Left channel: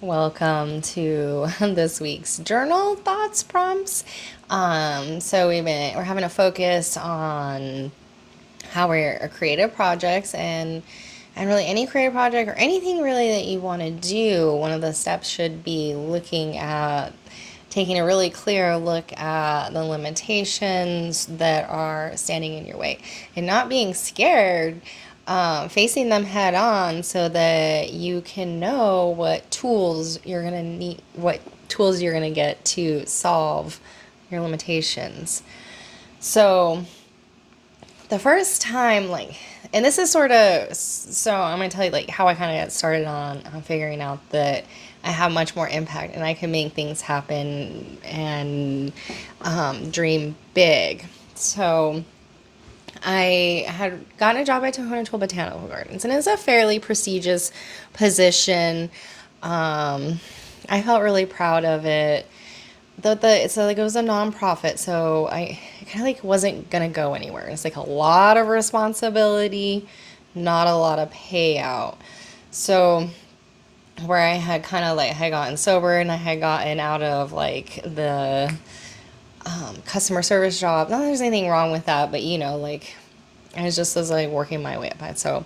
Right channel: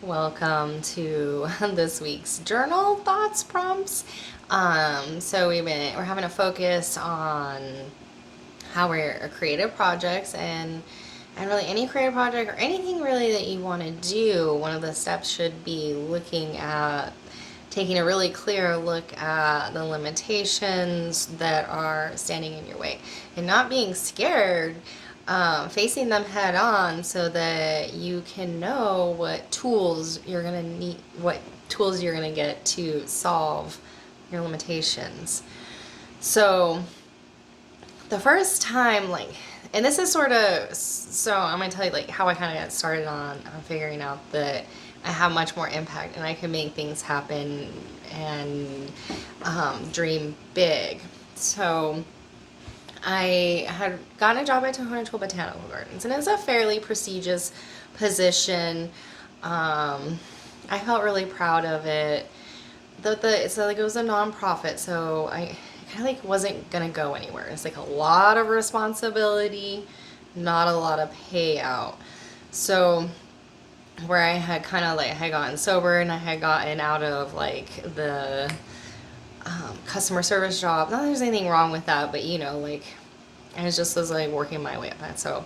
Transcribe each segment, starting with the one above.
Welcome to this week's journal thoughts prompts. So we're having a focus on how we're creative projects and really any creative project or anything really that you want to do. One of the steps should be looking at taking a really clear look at the limitations that are standing in your way and not being scared, facing them head on so that you can know what tools you're going to get to solve your limitations. So, the first time, and this is so I'm going to tell you, how I kind of got started on figuring out that I have much more impact and I can make things happen and dream big. So, I had gotten a job at Tohono Tool Botanical Gardens, and it's a fairly prestigious position. I felt really proud of it. It was a nonprofit, so I kind of wasn't gonna go anywhere. It's a lot of responsibility, not a lot of payout. So where I had kind of had gotten sober and I had gotten out of the customer service job. Not that there's anything wrong with that, but I was working my way up. And so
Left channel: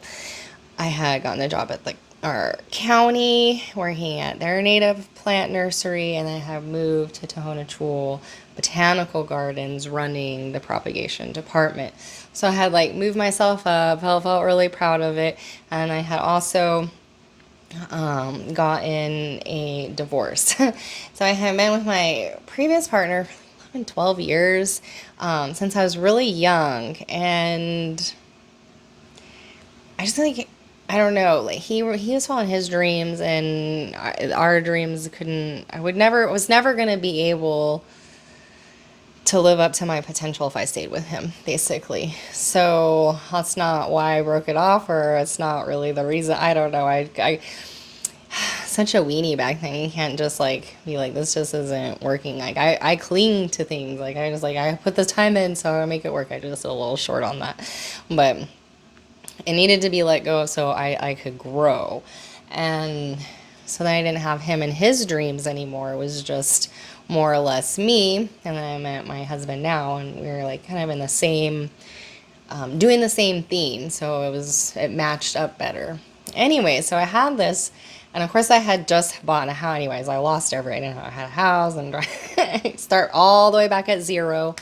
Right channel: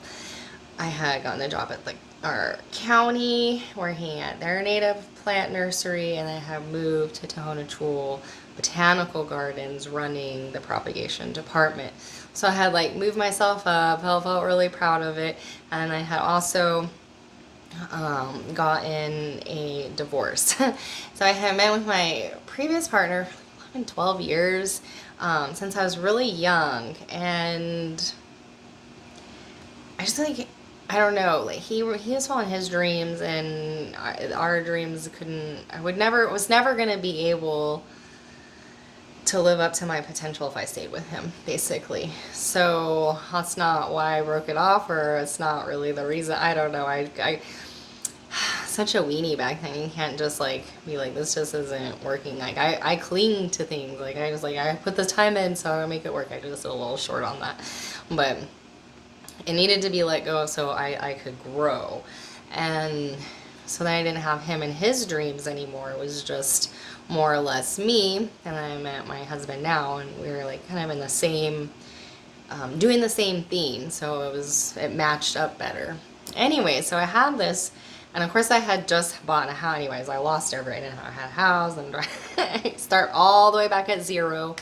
I had gotten a job at our county working at their native plant nursery, and I have moved to Tohono Chul Botanical Gardens running the propagation department. So I had moved myself up, I felt really proud of it, and I had also gotten a divorce. So I had been with my previous partner for 11, 12 years, since I was really young, and I just I don't know, he was following his dreams, and our dreams couldn't. Was never gonna be able to live up to my potential if I stayed with him, basically. So that's not why I broke it off, or it's not really the reason. I don't know. I such a weenie back then. You can't just be like, this just isn't working. I cling to things. I put the time in, so I make it work. I just a little short on that, but it needed to be let go of so I could grow. And so then I didn't have him and his dreams anymore. It was just more or less me. And then I met my husband now, and we were kind of in the same, doing the same theme. So it matched up better. Anyway, so I had this, and of course I had just bought a house. Anyways, I lost everything. I had a house and start all the way back at zero.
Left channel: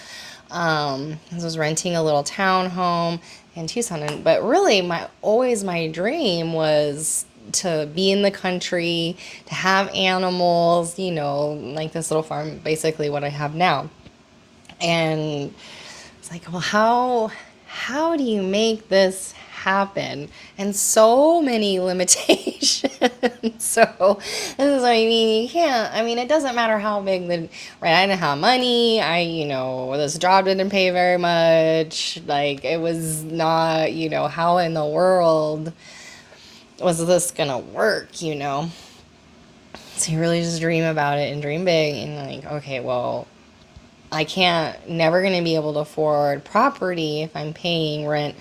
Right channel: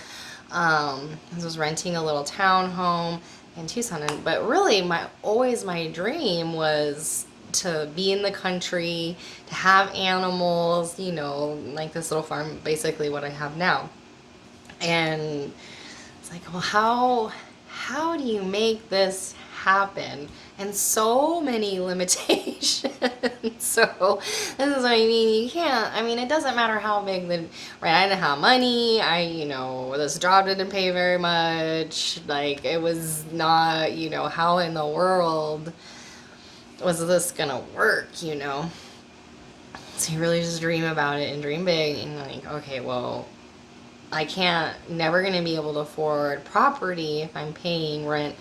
I was renting a little townhome in Tucson, but really, my dream was to be in the country, to have animals, like this little farm, basically what I have now. And it's well, how do you make this happen? And so many limitations. So this is what I mean. You can't. I mean, it doesn't matter how big the right. I didn't have money. This job didn't pay very much. It was not. How in the world was this gonna work? So you really just dream about it and dream big and okay, well, I can't, never going to be able to afford property if I'm paying rent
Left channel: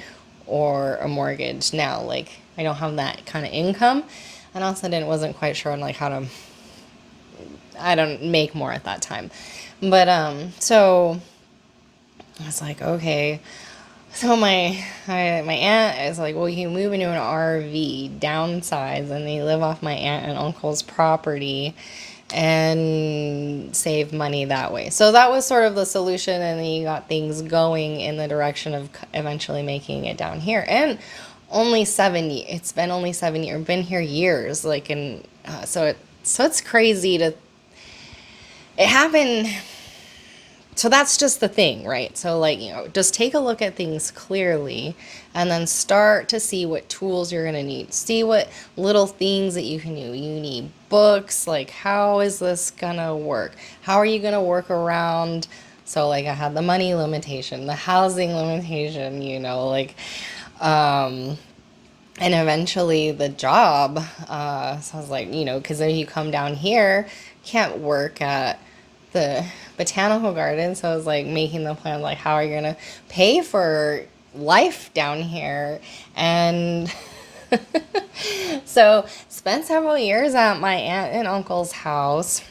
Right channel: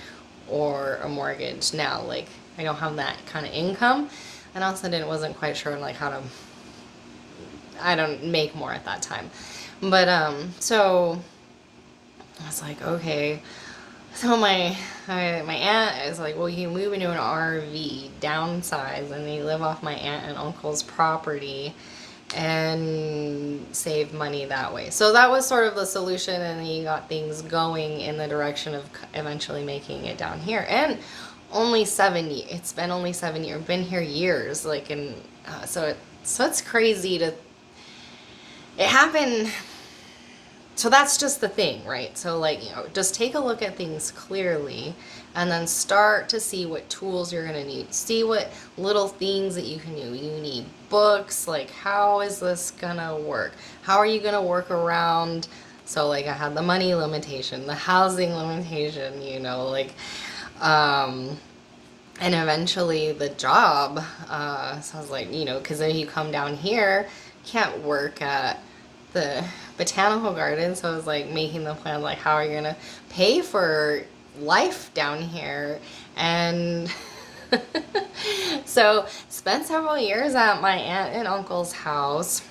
or a mortgage now. I don't have that kind of income. And also wasn't quite sure on how to, I don't make more at that time. But, so I was okay. So my aunt is well, you move into an RV, downsize, and they live off my aunt and uncle's property and save money that way. So that was sort of the solution, and then you got things going in the direction of eventually making it down here. And it's been only 7 years, been here years, so it's crazy to, it happened. So that's just the thing, right? So just take a look at things clearly and then start to see what tools you're going to need. See what little things that you can do. You need books. How is this going to work? How are you going to work around? So I had the money limitation, the housing limitation, and eventually the job. So I was because then you come down here, you can't work at the botanical garden. So I was making the plan, how are you gonna pay for life down here? And So spent several years at my aunt and uncle's house.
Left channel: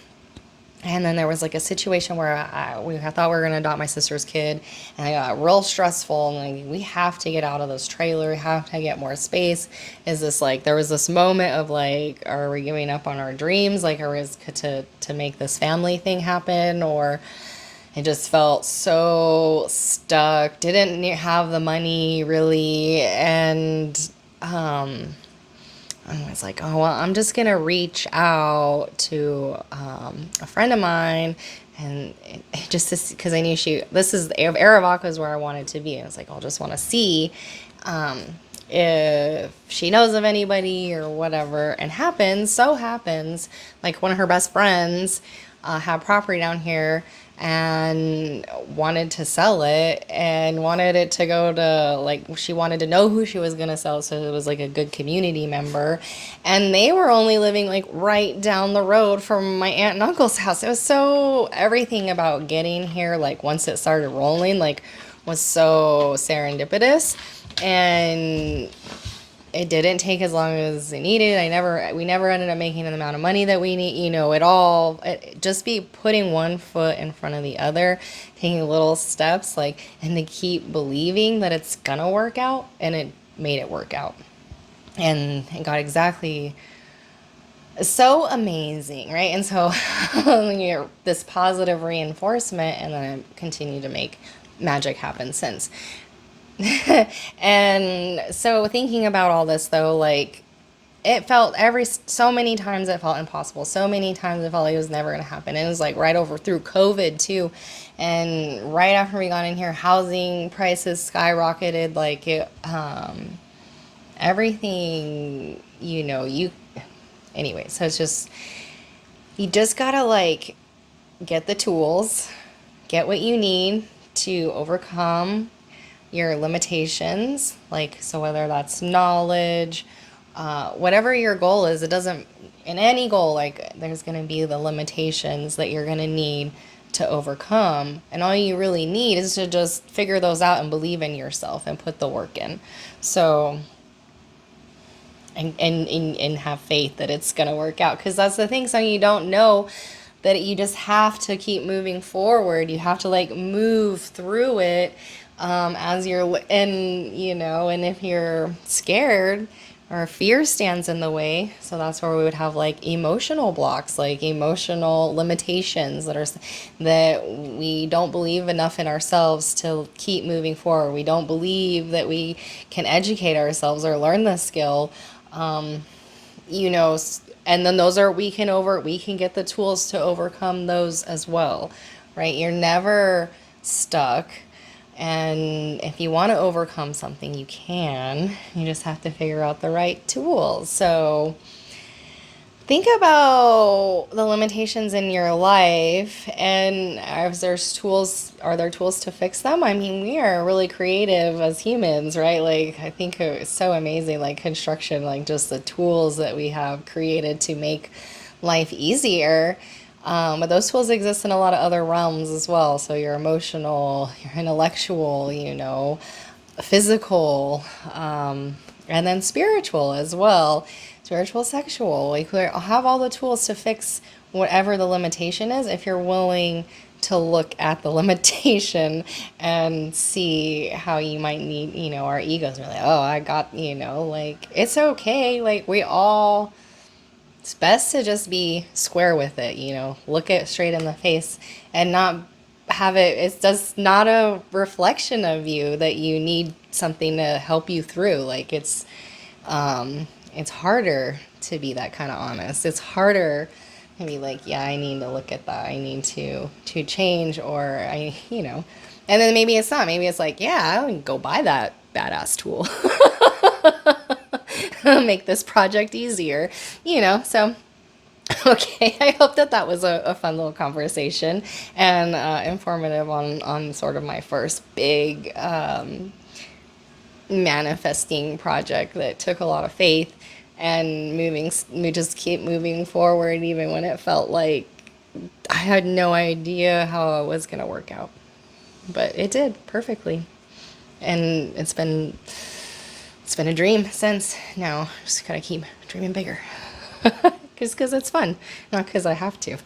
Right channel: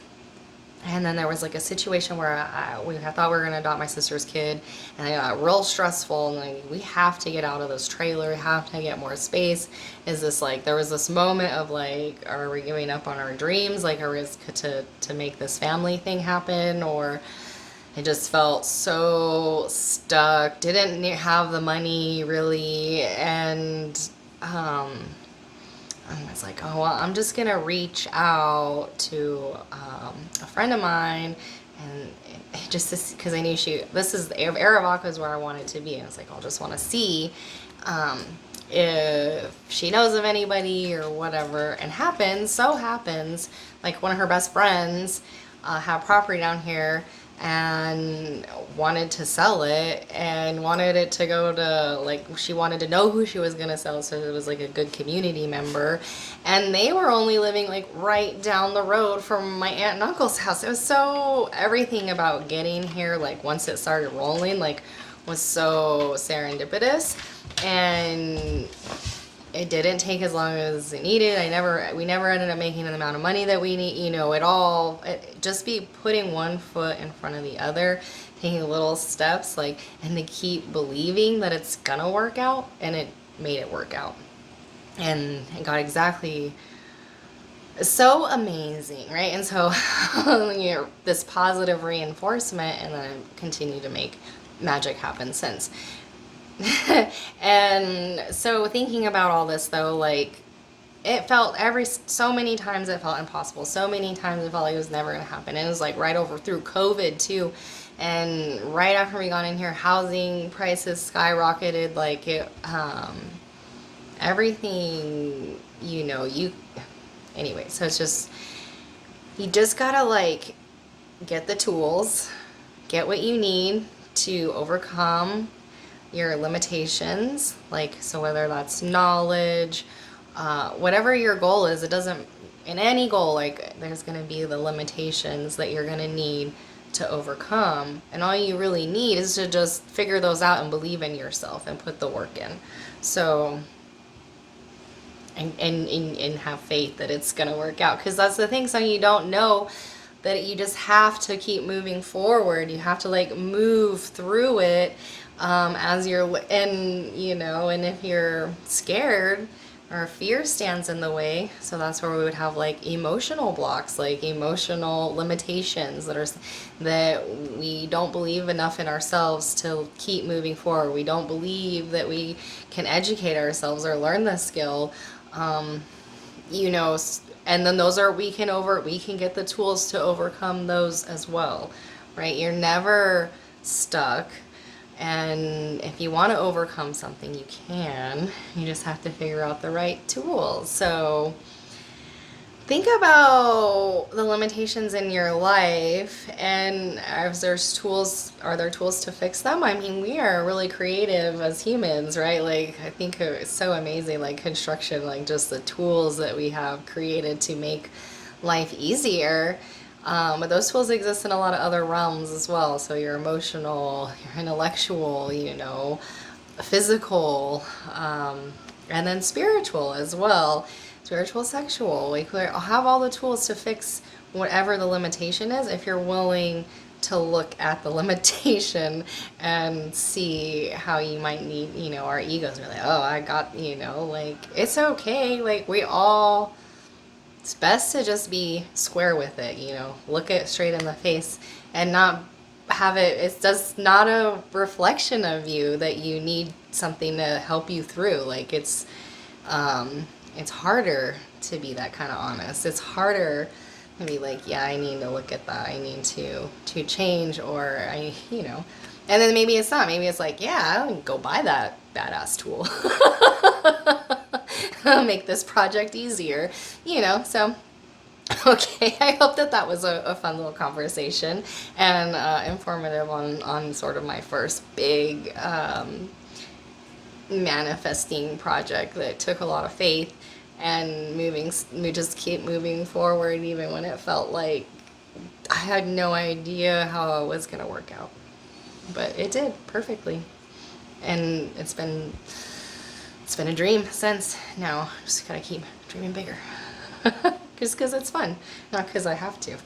And then there was like a situation where I thought we were going to adopt my sister's kid, and it got real stressful. And like, we have to get out of this trailer, have to get more space. Is this like, there was this moment of like, are we giving up on our dreams? Like, are we to make this family thing happen? Or I just felt so stuck, didn't have the money really. And um, I was like, oh, well, I'm just going to reach out to a friend of mine. And just because I knew this is, Aravaca is where I wanted to be. I was like, I'll just want to see um, if she knows of anybody or whatever. And so happens, like one of her best friends had property down here and wanted to sell it and wanted it to go to, like, she wanted to know who she was going to sell, so it was like a good community member. And they were only living like right down the road from my aunt and uncle's house. It was so, everything about getting here, like once it started rolling, like was so serendipitous. And it didn't take as long as it needed. We never ended up making the amount of money that we need, just be putting one foot in front of the other, taking little steps, like, and to keep believing that it's gonna work out, and it made it work out. And it got exactly so amazing, right? And so when you're this positive reinforcement, and then I continue to make magic happen since. And so thinking about all this though, like it felt so many times it felt impossible. So many times it felt like it was never gonna happen. And it was like right over through COVID too. And right after we got in here, housing prices skyrocketed. Like everything, anyway. So it's just, you just gotta like get the tools, get what you need to overcome your limitations, like, so whether that's knowledge, whatever your goal is, it doesn't, in any goal, like, there's going to be the limitations that you're going to need to overcome, and all you really need is to just figure those out and believe in yourself and put the work in. So, and have faith that it's going to work out, because that's the thing. So you don't know that you just have to keep moving forward. You have to like move through it as you're, and if you're scared or fear stands in the way, so that's where we would have like emotional blocks, like emotional limitations that we don't believe enough in ourselves to keep moving forward. We don't believe that we can educate ourselves or learn the skill. um, you know, and then we can get the tools to overcome those as well, right? You're never stuck. And if you want to overcome something, you can. You just have to figure out the right tools. So think about the limitations in your life, and are there tools to fix them? I mean, we are really creative as humans, right? Like, I think it's so amazing, like construction, like just the tools that we have created to make life easier. But those tools exist in a lot of other realms as well. So your emotional, your intellectual, physical, and then spiritual as well. Spiritual, sexual. Like, we have all the tools to fix whatever the limitation is, if you're willing to look at the limitation and see how you might need, our egos are like, oh, I got, like, it's okay. Like, it's best to just be square with it, look it straight in the face and not it's just not a reflection of you that you need something to help you through. Like, it's harder to be that kind of honest. It's harder to be like, yeah, I need to look at that. I need to change, or and then maybe it's not. Maybe it's like, yeah, I'll go buy that badass tool. Make this project easier, so. Okay, I hope that was a fun little conversation and informative on sort of my first big manifesting project that took a lot of faith and just keep moving forward even when it felt like I had no idea how it was going to work out. But it did perfectly. And it's been it's been a dream since. Now just gotta keep dreaming bigger. Just because it's fun, not because I have to.